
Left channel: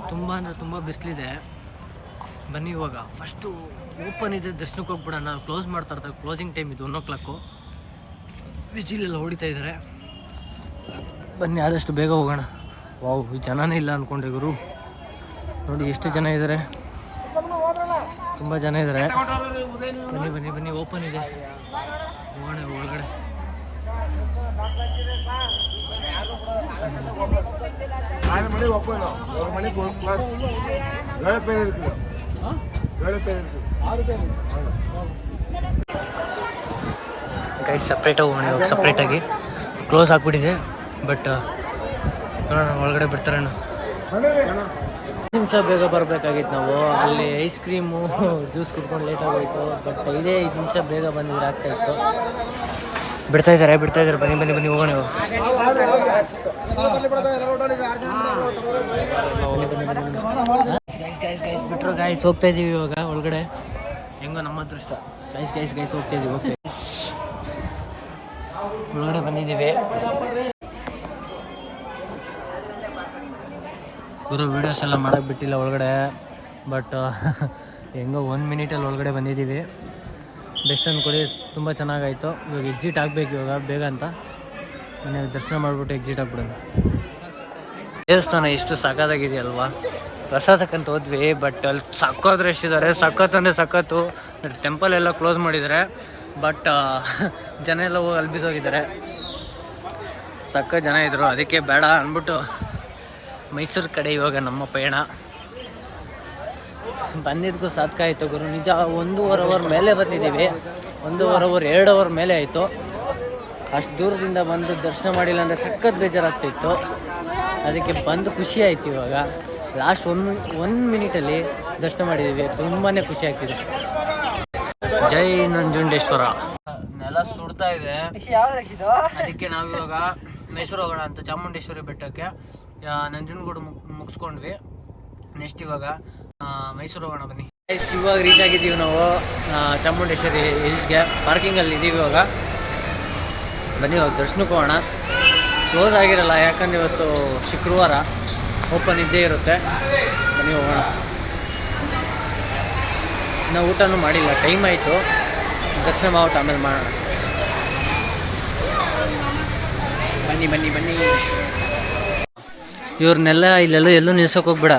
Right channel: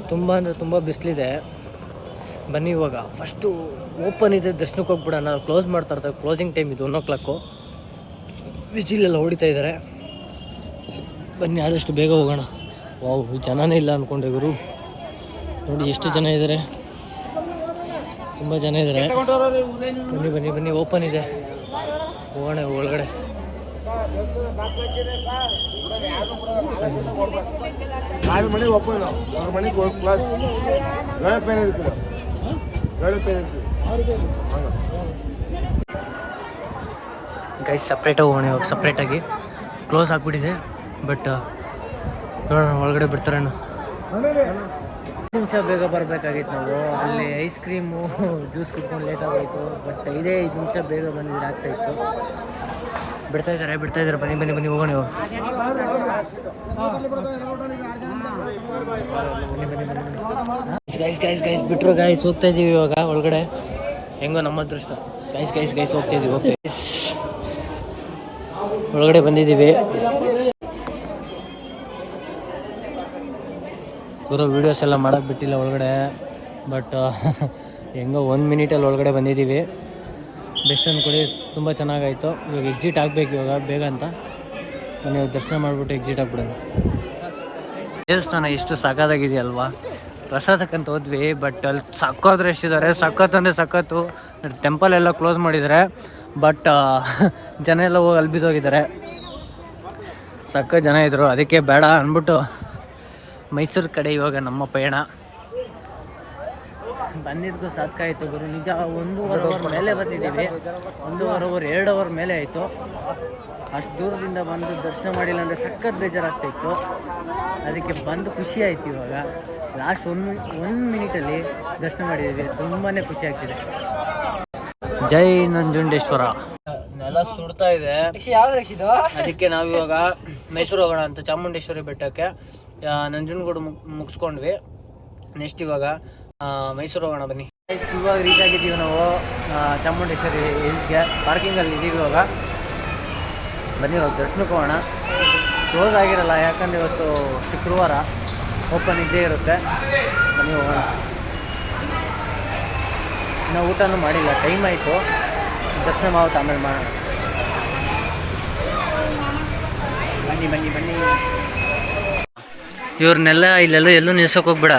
ತುಂಬ ಅಂದರೆ ತುಂಬ ಬಿಸಿಲಿದೆ. ಬನ್ನಿ ಇವಾಗ ಫಸ್ಟು ಓಪನ್ ಇದೆ, ದರ್ಶನಕ್ಕೆ ಹೋಗ್ಬಿಡೋಣ. ಕ್ಲೋಸ್ ಮಾಡ್ತಾ ಇರ್ತಾರೆ, ಕ್ಲೋಸಿಂಗ್ ಟೈಮ್ ಇದು 1 o'clock. ವಿಜಿಲೆಲ್ಲ ಹೊಡಿತಾ ಇದ್ದಾರೆ. ಬನ್ನಿ ಆದಷ್ಟು ಬೇಗ ಹೋಗೋಣ. ವಾವ್, ಜನನೇ ಇಲ್ಲ ಅಂದ್ಕೊಂಡೆ ಗುರು. ನೋಡಿ ಎಷ್ಟು ಜನ ಇದ್ದಾರೆ, ತುಂಬ ಜನ ಇದ್ದಾರೆ. ಬನ್ನಿ ಬನ್ನಿ ಬನ್ನಿ, ಓಪನ್ ಇದೆ, ಹೋಗೋಣ ಒಳಗಡೆ. ಮನೆಗೆ ಒಪ್ಪನು ಅವ್ರ ಮನೆಗೆ ಹೋಗಿ ಪ್ಲಸ್ ಗಳೆ ಪೇನ್ ಇರ್ತೀರ, ಗಳೆ ಪೇನ್ ಇರ್ತೀವಿ. ಗೈಸ್ ಸಪ್ರೇಟಾಗಿ ಹೋಗೋಣ ಇವಾಗ. ಸಪ್ರೇಟಾಗಿ ಕ್ಲೋಸ್ ಆಗಿಬಿಟ್ಟಿದೆ, ಬಟ್ ನೋಡೋಣ ಒಳಗಡೆ ಬಿಡ್ತಾರೇನು. ನಿಮಿಷ ಬೇಗ ಬರಬೇಕಾಗಿತ್ತು ನಾವು. ಅಲ್ಲಿ ಐಸ್ ಕ್ರೀಮು ಜ್ಯೂಸ್ ಕುಡ್ಕೊಂಡು ಲೇಟ್ ಆಗೋಯಿತು, ಬಟ್ 5 ನಿಮಿಷ ಬೇಗ ಬಂದಿದ್ರೆ ಆಗ್ತಾಯಿತ್ತು. ಬಿಡ್ತಾ ಇದ್ದಾರೆ ಬನ್ನಿ ಬನ್ನಿ ಬನ್ನಿ ಹೋಗೋಣ ಇವಾಗ. ಗೈಸ್ ಬಿಟ್ರು ಗೈಸ್, ಹೋಗ್ತಾ ಇದೀವಿ ಇವಾಗ ಒಳಗಡೆ. ಹೆಂಗೋ ನಮ್ಮ ಅದೃಷ್ಟ. ಗೈಸ್ ಹೋಗ್ತಾ ಇದೀವಿ. ಒಳಗಡೆ ಬಂದಿದ್ದೀವಿ. ಪೂರಾ ವೀಡಿಯೋಸ್ ಎಲ್ಲ ಮಾಡೋಕ್ಕೆ ಬಿಟ್ಟಿಲ್ಲ ಒಳಗಡೆ, ಬಟ್ ಹೆಂಗೋ 1 ಮಿನಿಟಲ್ಲಿ ಒಳಗಡೆ ಬಂದಿದ್ದೀವಿ. ಬೆಸ್ಟ್ ಅಂದ್ಕೊಳ್ಳಿ, ತುಂಬ ಚೆನ್ನಾಗಾಯಿತು. ಇವಾಗ ಎಕ್ಸಿಟ್ ಆಗಬೇಕು ಇವಾಗ ಬೇಗ ಅಂತ. ನೀವು ದರ್ಶನ ಮಾಡಿಬಿಟ್ಟು ಎಕ್ಸಿಟ್ ಆಗ್ಬಿಡೋಣ. ದೇವಸ್ಥಾನ ಎಷ್ಟು ಸಖತ್ತಾಗಿದೆಯಲ್ವಾ. ಪ್ರಸಾದಕ್ಕಂತ ಹೋದ್ವಿ, ಬಟ್ ಅಲ್ಲಿ ಸಖತ್ ರಶ್ ಇದ್ದಾರೆ. ಸಖತ್ ಅಂದರೆ ಸಖತ್ತು. ಟೆಂಪಲ್ ಎಲ್ಲ ಕ್ಲೋಸ್ ಮಾಡಿದ್ದಾರೆ, ಬಟ್ ಜನ ಎಲ್ಲ ಹೋಗಿ ಅಲ್ಲಿ ಬಿದ್ದೋಗಿದ್ದಾರೆ. ಸಖತ್ ಜನ ಇದ್ದರು, ಅದಕ್ಕೆ ಬೇಡ ಅಂದ್ಬಿಟ್ಟು ಮೈಸೂರು ಕಡೆ ಇವಾಗ ನಮ್ಮ ಪಯಣ. ಬಂದಿದ್ದಕ್ಕೂ ಸಾಕಾಯಿತು ಗುರು, ನಿಜ. 1.5 ಅವರ್ ಮೇಲೆ ಬಂದಿದ್ದೀವಿ. 1.5 ಅವರ್ 2 ಅವರ್ ಮೇಲೆ ಆಯಿತು. ಅಷ್ಟು ದೂರದಿಂದ ಬಂದು ದರ್ಶನ ಮಾಡಿಲ್ಲ ಅಂದರೆ ಸಖತ್ ಬೇಜಾರಾಗ್ತಾಯಿತ್ತು. ಅದಕ್ಕೆ ಬಂದು ಖುಷಿ ಆಯಿತು. ಇವಾಗ ಲಾಸ್ಟ್ 1 ಮಿನಿಟಲ್ಲಿ ದರ್ಶನ ಮಾಡಿದ್ದೀವಿ. ತುಂಬಾ ಖುಷಿ ಆಗ್ತಿದೆ. ಜೈ ನಂಜುಂಡೇಶ್ವರ. ನೆಲ ಸುಡ್ತಾ ಇದೆ, ಅದಕ್ಕೆ ನಾವಿವಾಗ ಮೈಸೂರು ಹೋಗೋಣ ಅಂತ ಚಾಮುಂಡೇಶ್ವರಿ ಬೆಟ್ಟಕ್ಕೆ. ನಂಜನಗೂಡು ಮುಗಿಸ್ಕೊಂಡ್ವಿ. ನೆಕ್ಸ್ಟ್ ಇವಾಗ ಮೈಸೂರು ಹೋಗೋಣ ಬನ್ನಿ. ಇವಾಗ ರೀಚ್ ಆಗಿದ್ದೀವಿ ನಾವು ಚಾಮುಂಡೇಶ್ವರಿ ಹಿಲ್ಸ್ಗೆ. ಪಾರ್ಕಿಂಗಲ್ಲಿ ಇದ್ದೀವಿ ಇವಾಗ. ಬನ್ನಿ ಇವಾಗ ದರ್ಶನಕ್ಕೆ ಹೋಗೋಣ. ಕ್ಲೋಸ್ ಆಗಿರಲ್ಲ, ಯಾಕಂದರೆ ಇವತ್ತು ಶುಕ್ರವಾರ, ಓಪನ್ ಇದ್ದೇ ಇರುತ್ತೆ. ಬನ್ನಿ ಹೋಗೋಣ. ಇನ್ನೂ ಊಟನೂ ಮಾಡಿಲ್ಲ, ಟೈಮ್ ಆಯಿತು. ದರ್ಶನ ಮಾಡ್ಬಿಟ್ಟು ಆಮೇಲೆ ಮಾಡೋಣ. ಬನ್ನಿ. ಇವ್ರನ್ನೆಲ್ಲ ಇಲ್ಲೆಲ್ಲೂ ಎಲ್ಲೂ ನಿಲ್ಸೋಕೆ ಹೋಗ್ಬೇಡ,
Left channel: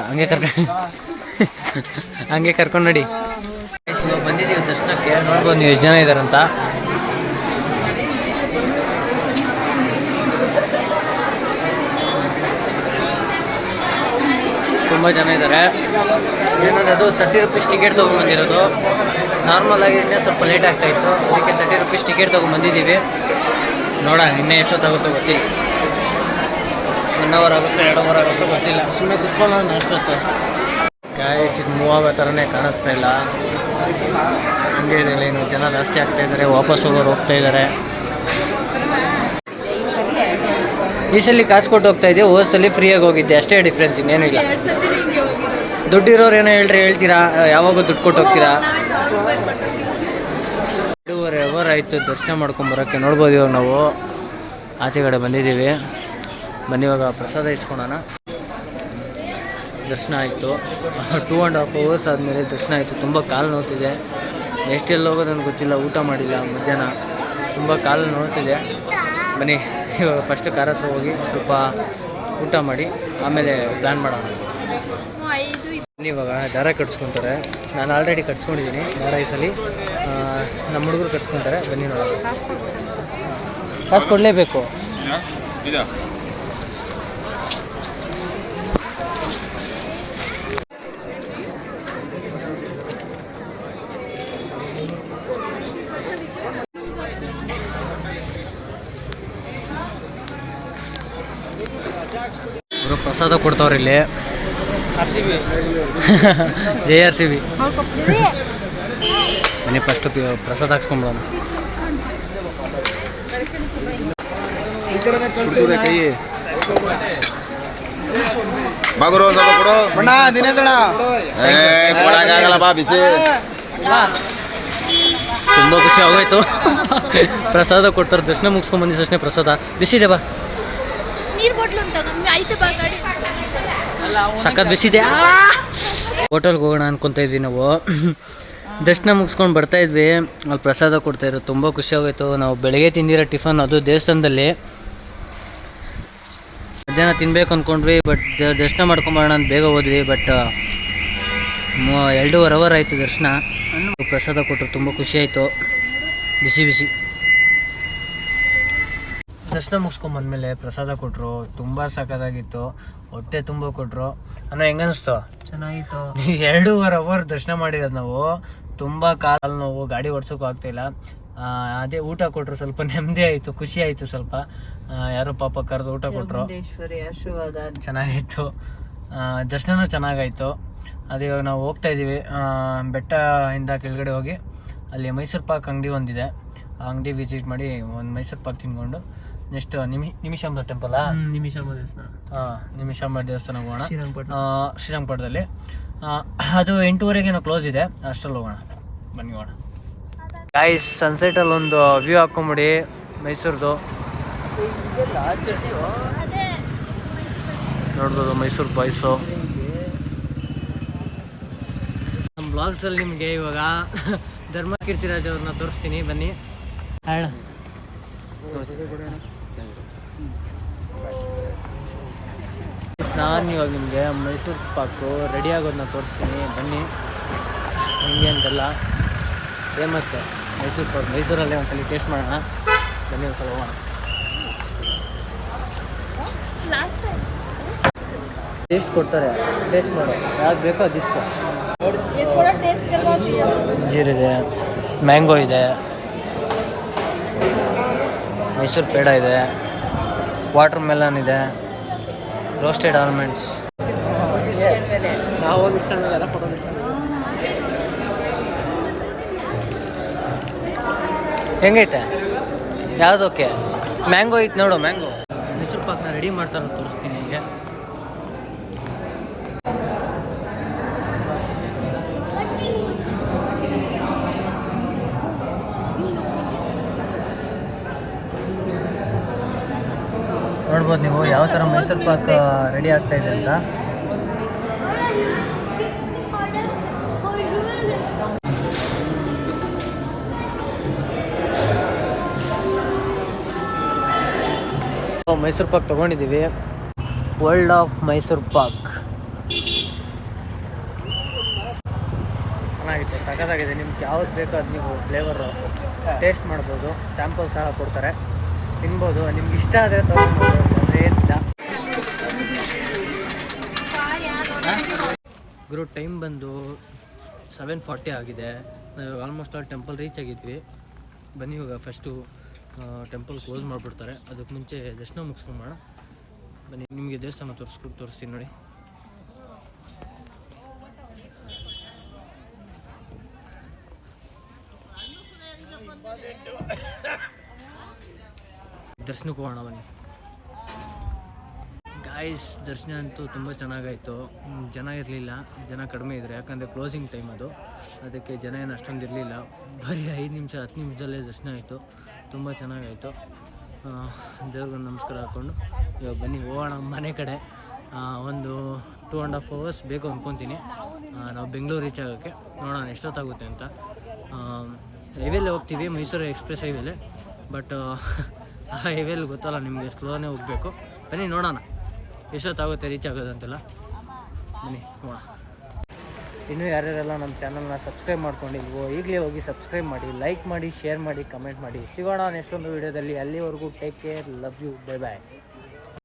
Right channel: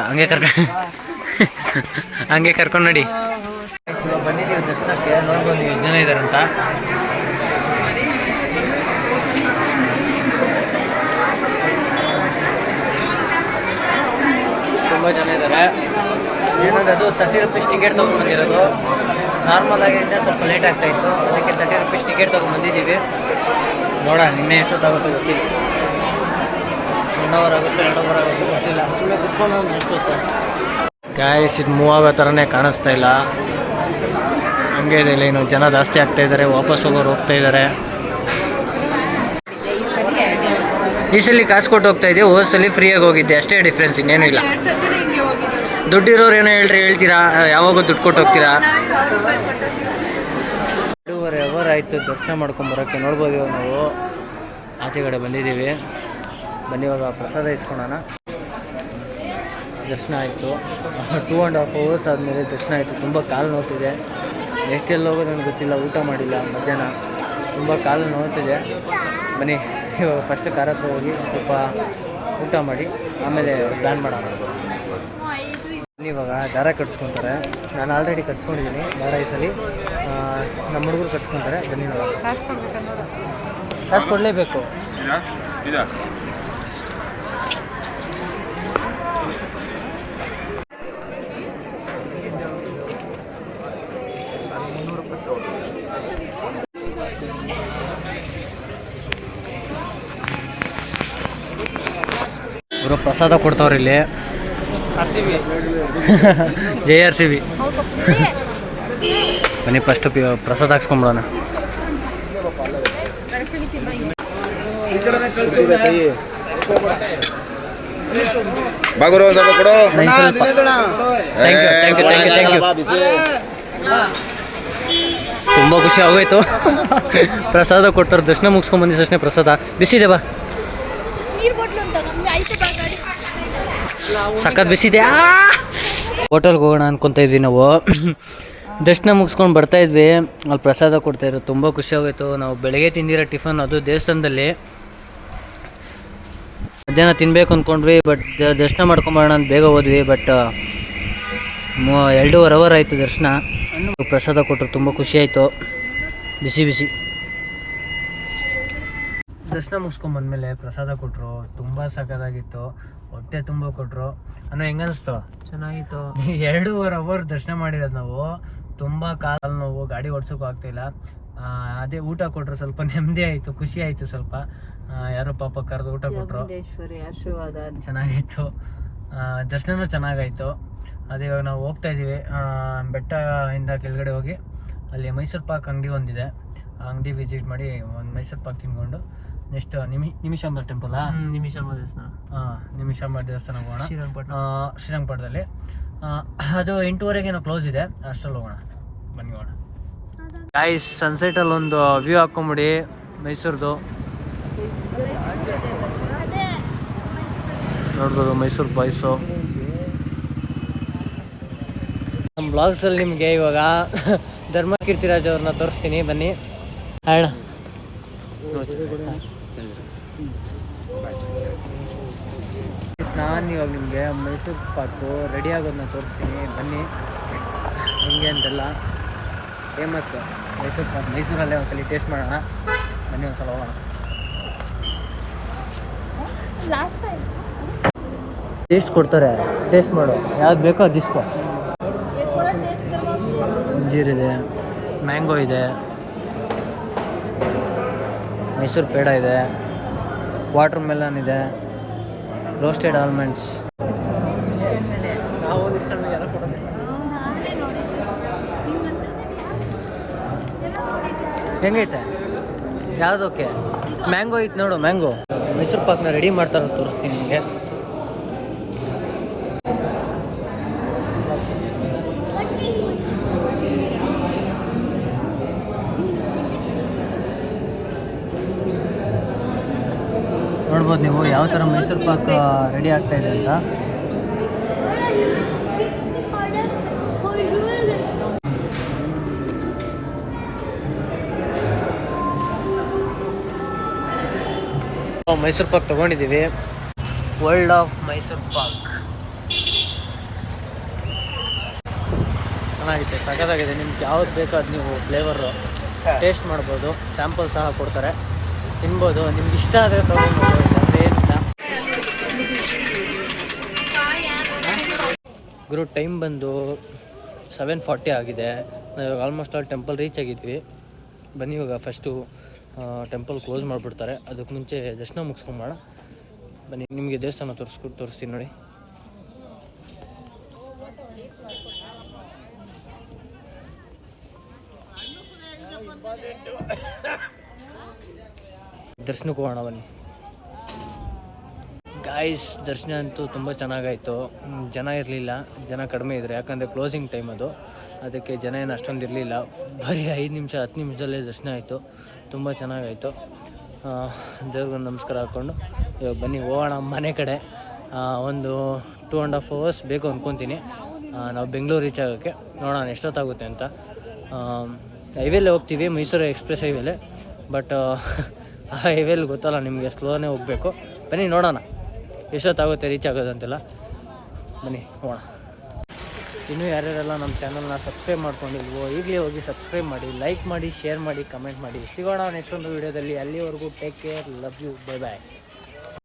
ಹಂಗೆ ಕರ್ಕೊಂಡು ನೋಡಿ. ಇವಾಗ ಬಂದಿದ್ದೀವಿ ದರ್ಶನಕ್ಕೆ. ನೋಡ್ಬೋದು ನೀವು ಎಷ್ಟು ಜನ ಇದ್ದಾರಂತ. ತುಂಬ ಜನ ಇದ್ದಾರೆ. ಏನಂದ್ರೆ ಅದು 30 ರೂಪೀಸ್ ಟಿಕೆಟ್ ತೊಗೊಂಡ್ಬಂದಿರೋದು. ನಾರ್ಮಲ್ ಆಗಿದ್ದರೆ ಸ್ವಲ್ಪ ಲೇಟ್ ಆಗ್ತಾಯಿತ್ತು, ಅದಕ್ಕೆ 30 ರೂಪೀಸ್ ಟಿಕೆಟ್ ತೊಗೊಂಡ್ಬಂದಿದ್ದೀವಿ. ನೋಡೋಣ ಇನ್ನೂ ಎಷ್ಟೊತ್ತಾಗುತ್ತೋ ಗೊತ್ತಿಲ್ಲ. 1 ಅವರ್ ಆಗುತ್ತೋ 2 ಅವರ್ ಆಗುತ್ತೋ ಗೊತ್ತಿಲ್ಲ. ಸುಮ್ಮನೆ ಕುತ್ಕೊಂಡು ಎಷ್ಟೊತ್ತು ಗ್ಯಾಸ್ ಇದು ಮೂವ್ ಆಗೋ ಥರನೇ ಕಾಣಿಸ್ತಾ ಇಲ್ಲ. ಹಂಗೆ ಇದೆ, ಇನ್ನು ಜನ ಜಾಸ್ತಿ ಆಗ್ತಾಯಿದ್ದಾರೆ. ವಾಪಸ್ ಹೋಗೋರು ಹೋಗ್ತಾಯಿದ್ದಾರೆ. ಈ ಸಲ ಕಾಸು ಕೊಟ್ಟು ಹೋಗ್ತಾ ಇದ್ದೆ, ಹೋದ ಸಲ ಫ್ರೀಯಾಗಿ ಹೋಗಿದ್ದೆ. ಅಷ್ಟೇ ಡಿಫ್ರೆನ್ಸ್, ಇನ್ನೇನು ಇಲ್ಲ. ದುಡ್ಡಿರೋರು ಏನೋ ಹೇಳ್ತೀರಾ, ಯಾವಾಗೂ ದುಡ್ಡು ಕೊಟ್ಟು ಹೋಗ್ತೀರಾ. 2.5 ಅವರ್ ಆಯಿತು ದರ್ಶನ ಮಾಡ್ಕೊಂಬರೋಕ್ಕೆ. ನೋಡ್ಬೋದು ಇವಾಗ ನಾವು ಆಚೆ ಕಡೆ ಬಂದಿದ್ದೀವಿ. ಬನ್ನಿ ಇವಾಗ ಪ್ರಸಾದ ಇಸ್ಕೊಳೋಣ. ದರ್ಶನ ಆಯಿತು. 2.5 ಅವರ್ಸ್ ಆದಮೇಲೆ ದರ್ಶನ ಆಯಿತು. ತುಂಬ ಕಾಲು ನೋವ್ತಿದೆ. ಎಷ್ಟೆಲ್ಲ ಹೋಗೋದು ನನಗೆ ಗೊತ್ತಿಲ್ಲ. ಊಟ ಮಾಡಿಲ್ಲ ಮಧ್ಯಾಹ್ನ, ತುಂಬ ಕಾಲು ನೋವ್ತಿದೆ. ಬನ್ನಿ ಇವಾಗ ಫಸ್ಟ್ ಕಾರ್ ಹತ್ರ ಹೋಗಿ ಸ್ವಲ್ಪ ಊಟ ಮಾಡಿ ಆಮೇಲೆ ಪ್ಲ್ಯಾನ್ ಮಾಡೋಣ. ಇವಾಗ ದಾರ ಕಟ್ಸ್ಕೊತಾರೆ. ನಾನು ಆಲ್ರೆಡಿ ಕಟ್ಸ್ಕೊಂಡಿದ್ದೀನಿ ದಾರ. ಈ ಸಲ ನಮ್ಮ ಹುಡುಗರು ಕಟ್ಸ್ಕೊತಾರೆ. ಬನ್ನಿ ನೋಡೋಣ. ಕಾಸು ಕೊಡಲೇಬೇಕು. ಅವರು ಪ್ರಸಾದ ಕೊಡ್ತಾವ್ರಿ ಇಲ್ಲಿ. JRCB. ಬನ್ನಿ ಫಸ್ಟ್ ಪ್ರಸಾದ ಹಾಕ್ಸ್ಕೊಂಬಿಡೋಣ. ತುಂಬ ಖುಷಿ ಆಗೋಯ್ತು. ಪ್ರಸಾದ ಕೊಡ್ತಾರೆ. ದರ್ಶನ ಮುಗಿಸ್ಕೊಂಡ್ ಬಂದಿದ್ದ ತಕ್ಷಣ ಪ್ರಸಾದ ಬಿಸಿದೆ. ಬಾ, ಸಖತ್ ಬಿಸಿದೆ. ಹೋಟೆಲ್ಗೆ ಹೋಗೋಣ ಅನ್ಕೊತಾ ಇದ್ವಿ ನಾವು. ದರ್ಶನ ಮುಗಿಸ್ಕೊಂಡು ಬರ್ತಾಯಿದ್ವಿ, ಅಲ್ಲಿ ಪ್ರಸಾದ ಕೊಡ್ತಾಯಿದ್ರು. ತುಂಬ ಖುಷಿ ಆಗೋಯ್ತು. ನಾವು ಬೆಳಗ್ಗೆ ತಿಂದಿರೋ ಟಿಫನ್ ಅದು ದೇವಸ್ಥಾನದಲ್ಲಿ. ಮಧ್ಯಾಹ್ನ ತಿನ್ನಬೇಕು ಅಂದ್ಕೊಂಡ್ವಿ, ಬಟ್ ದರ್ಶನ ಮಾಡ್ಕೊಂಬರೋಣ ಅಂತ ಬೇಗ ಹೋದ್ವಿ. ಬಟ್ 2.5 ಅವರ್ ಆಯಿತು ದರ್ಶನ. ಪ್ರಸಾದ ಕೊಟ್ಟರು, ತುಂಬ ಖುಷಿ ಆಯಿತು. ಬಿಸಿ ದರ್ಶನ ಮುಗಿಸ್ಕೊಂಬಂದ್ಮೇಲೆ ಪ್ರಸಾದ ಕೊಟ್ಟರು. ತುಂಬ ಸಖತ್ತಾಗಿತ್ತು. ಹೊಟ್ಟೆ ತುಂಬ ಕೊಟ್ಟರು. ಅಂದರೆ ಹೆಂಗನ್ನಿಸ್ತು? ಚೆನ್ನಾಗಿತ್ತು. 2.5 ಅವರ್ ದರ್ಶನ ಮಾಡಿರೋದು ನಾವು. ತುಂಬ ಕಾಲು ನೋವು, ಗಾಡಿ ಓಡಿಸೋಕ್ಕೂ ಆಗ್ತಾಯಿಲ್ಲ. ಅದೇ ಊಟ ಕೊಟ್ಟರು, ಸ್ವಲ್ಪ ನೆಮ್ಮದಿ ಆಯಿತು, ಖುಷಿ ಆಯಿತು. ಸ್ವಲ್ಪ ಯಾರೋ ಪಾಪ ಕರೆದು ಊಟ ಕೊಟ್ಟರು. ಚೆನ್ನಾಗಿತ್ತು. ದರ್ಶನ ಚೆನ್ನಾಗಾಯಿತು. ಅದಿವಾಗ ನಾವು ಹೋಗ್ತಾ ಇದ್ದೀವಿ. ಬೆಟ್ಟದಿಂದ ಕೆಳಗಡೆ ಹೋಗಿ ಅಲ್ಲಿ ಮೈಸೂರು ಪಾಕ್ ಅಂಗಡಿ ಒಂದಿದೆ, ಅಂಗಡಿ ವಿಸಿಟ್ ಮಾಡಿ ಒಂದು ಮೈಸೂರು ಪಾಕ್ ತಿನ್ಕೊಂಡು ನೆಕ್ಸ್ಟ್ ನಿಮಿಷಾಂಬ ಟೆಂಪಲ್ ನಿಮಿಷಾಂಬ ದೇವಸ್ಥಾನ, ನಿಮಿಷಾಂಬ ದೇವಸ್ಥಾನ ಹೋಗೋಣ ಶ್ರೀರಂಗಪಟ್ಟಣದಲ್ಲಿ. ಅದು 8:30 ಕ್ಲೋಸ್ ಇದೆ, ಅಷ್ಟರಲ್ಲಿ ಹೋಗೋಣ. ಬನ್ನಿ ಹೋಗೋಣ ಗಾಯ್ಸ್. ಸನ್ಸೆಟಲ್ಲಿ ಒಂದು ವ್ಯೂ ಹಾಕೊಂಬಿಡಿ ಮೈಸೂರ್ದು. ನೋಡ್ಬೋದು ಮೈಸೂರು ಬಾಯ್ಸು. ನಮ್ಮ ಬ್ಲಾಗ್ಸಲ್ಲಿ ನಿಮಗೆ ಇವಾಗ ಧರ್ಮ ಕೀರ್ತಿರಾಜ್ ಅವ್ರನ್ನ ತೋರಿಸ್ತೀನಿ, ಬನ್ನಿ. ಹೇಳ ನಾನು ಇವಾಗ ನಿಮಗೆ ಮೈಸೂರು ಪಾಕು ರೆಡಿ ಆಗೋದನ್ನ ತೋರಿಸ್ತೀನಿ, ಬನ್ನಿ. ಹೆಂಗೆ ಅಂತೆಲ್ಲ ಫೇಮಸ್ ಮೈಸೂರು ಪಾಕ್, ಮೈಸೂರಲ್ಲೇ ಒಂದ್ಸಲ ಟೇಸ್ಟ್ ಮಾಡೋಣ, ಬನ್ನಿ ಒಂದ್ಸಲ ಹೋಗೋಣ. ಟೇಸ್ಟ್ ಕೊಡ್ತಾರೆ, ಟೇಸ್ಟ್ ಮಾಡು, ಯಾವ್ದು ಬೇಕೋ ಅದು ಇಸ್ಕೊ. ಅಂಜೀರಿದೆ, ಮ್ಯಾಂಗೋ ಇದೆ, ಮೈಸೂರು ಪೇಡ ಇದೆ, ವಾಟರ್ ಮೆಲನ್ ಇದೆ, ರೋಸ್ಟೆಡ್ ಆಲ್ಮಂಡ್ಸ್. ಹೆಂಗೈತೆ? ಯಾವುದಕ್ಕೆ? ಮ್ಯಾಂಗೋ ಐತೆ ನೋಡು, ಮ್ಯಾಂಗೋ. ಮೈಸೂರು ಪಾಕ್ನ ರೆಡಿ ಮಾಡ್ತಾರೋ ತೋರಿಸ್ತೀನಿ ನಿಮಗೆ. ನೋಡ್ಬೋದು ನೀವು ಯಾವ ಥರ ಮೈಸೂರು ಪಾಕ್ ರೆಡಿ ಆಗ್ತಾ ಇದೆ ಅಂತ. ಮೈಸೂರು ಪಾಕ್ ತೊಗೊಂಡಿದ್ದೀವಿ, ವರ್ಲ್ಡ್ ಆಫ್ ಮೈಸೂರು ಪಾಕ್. ಚೆನ್ನಾಗಿದೆ, ಸಖತ್ತಾಗಿದೆ. ನಿಮ್ಗೆ ಯಾವ್ದು ಬೇಕೋ ಅದು ನೀವು ಫ್ಲೇವರು ಟೇಸ್ಟ್ ಮಾಡ್ಬೋದು, ಸ್ಯಾಂಪಲ್ ಸಹ ಕೊಡ್ತಾರೆ, ತಿನ್ಬೋದು. ನಿಮ್ಗೆ ಇಷ್ಟ ಆದರೆ ತೊಗೊಬೋದು, ಇಲ್ಲಾಂದರೆ ಏನಿಲ್ಲ. ಗುರು ಟೈಮ್ ಬಂದು 7:40 ಆಗಿದೆ. ನಾವು ಇವಾಗ ಆಲ್ಮೋಸ್ಟ್ ಆಲ್ ಟೆಂಪಲ್ ರೀಚ್ ಆಗಿದ್ವಿ. ಬನ್ನಿ ಇವಾಗ ಫಸ್ಟು ಟೆಂಪಲ್ ಕ್ಲೋಸ್ ಮಾಡಿಬಿಡ್ತಾರೆ, ಅದಕ್ಕೆ ಮುಂಚೆ ದರ್ಶನ ಮುಗಿಸ್ಕೊಂಬೋಣ. ಬನ್ನಿ ನಿಮಗೆ ದೇವಸ್ಥಾನ ತೋರಿಸ್ತೀನಿ ನೋಡಿ. ದರ್ಶನಕ್ಕೆ ಹೋಗೋಣ ಬನ್ನಿ ಗಾಯ್ಸ್. ದರ್ಶನ ಅಂತೂ ತುಂಬ ಚೆನ್ನಾಗಾಯಿತು. ಜನ ಇರಲಿಲ್ಲ, ಜನ ಕಡಿಮೆ ಇದ್ದರು, ಯಾಕಂದರೆ ಕ್ಲೋಸಿಂಗ್ ಟೈಮ್ ಅದು, ಅದಕ್ಕೆ ಜನ ಏನು ಅಷ್ಟೊಂದು ಇರಲಿಲ್ಲ. ಬರೀ 5 ನಿಮಿಷ 10 ನಿಮಿಷದಲ್ಲೇ ದರ್ಶನ ಆಯಿತು, ತುಂಬ ಚೆನ್ನಾಗಾಯಿತು. ದೇವ್ರಿಗೊಂದು ನಮಸ್ಕಾರ ಹಾಕ್ಕೊಂಡು ಇವಾಗ ಬನ್ನಿ ಹೋಗೋಣ ಮನೆ ಕಡೆ. ಒಂದು 2.5 hours ಬೇಕು ಅಂದ್ಕೊತೀನಿ ನಾವು ಬೆಂಗಳೂರು ರೀಚ್ ಆಗೋಕ್ಕೆ. ನೋಡೋಣ ಎಷ್ಟೊತ್ತಾಗುತ್ತೆ ಅಂತ. ಹೈವೇಲೆ ಹೋಗ್ತೀವಿ, ಮೈಸೂರು ಎಕ್ಸ್ಪ್ರೆಸ್ ಹೈವೇಲೆ, ಬಟ್ ಆ ಹೈವೇಲಿ ಗೊತ್ತಲ್ಲ ನಿಮಗೆ, ಸ್ಲೋನೇ ಹೋಗಬೇಕು. ಬನ್ನಿ ನೋಡೋಣ ಎಷ್ಟೊತ್ತಾಗುತ್ತೆ ರೀಚ್ ಆಗೋದಂತೆಲ್ಲ. ಬನ್ನಿ ಹೋಗೋಣ. ಇನ್ನೂ ಯಾರ್ಯಾರೆಲ್ಲ ನಮ್ಮ ಚಾನಲ್ನ ಸಬ್ಸ್ಕ್ರೈಬ್ ಮಾಡ್ಕೊಂಡಿಲ್ವೋ ಈಗಲೇ ಹೋಗಿ ಸಬ್ಸ್ಕ್ರೈಬ್ ಮಾಡಿ, ಲೈಕ್ ಮಾಡಿ, ಶೇರ್ ಮಾಡಿ, ಕಮೆಂಟ್ ಮಾಡಿ. ಸಿಗೋಣ ನೆಕ್ಸ್ಟ್ ಒಂದು ವೀಡಿಯೋದಲ್ಲಿ. ಅಲ್ಲಿವರೆಗೂ take care, love you, bye bye.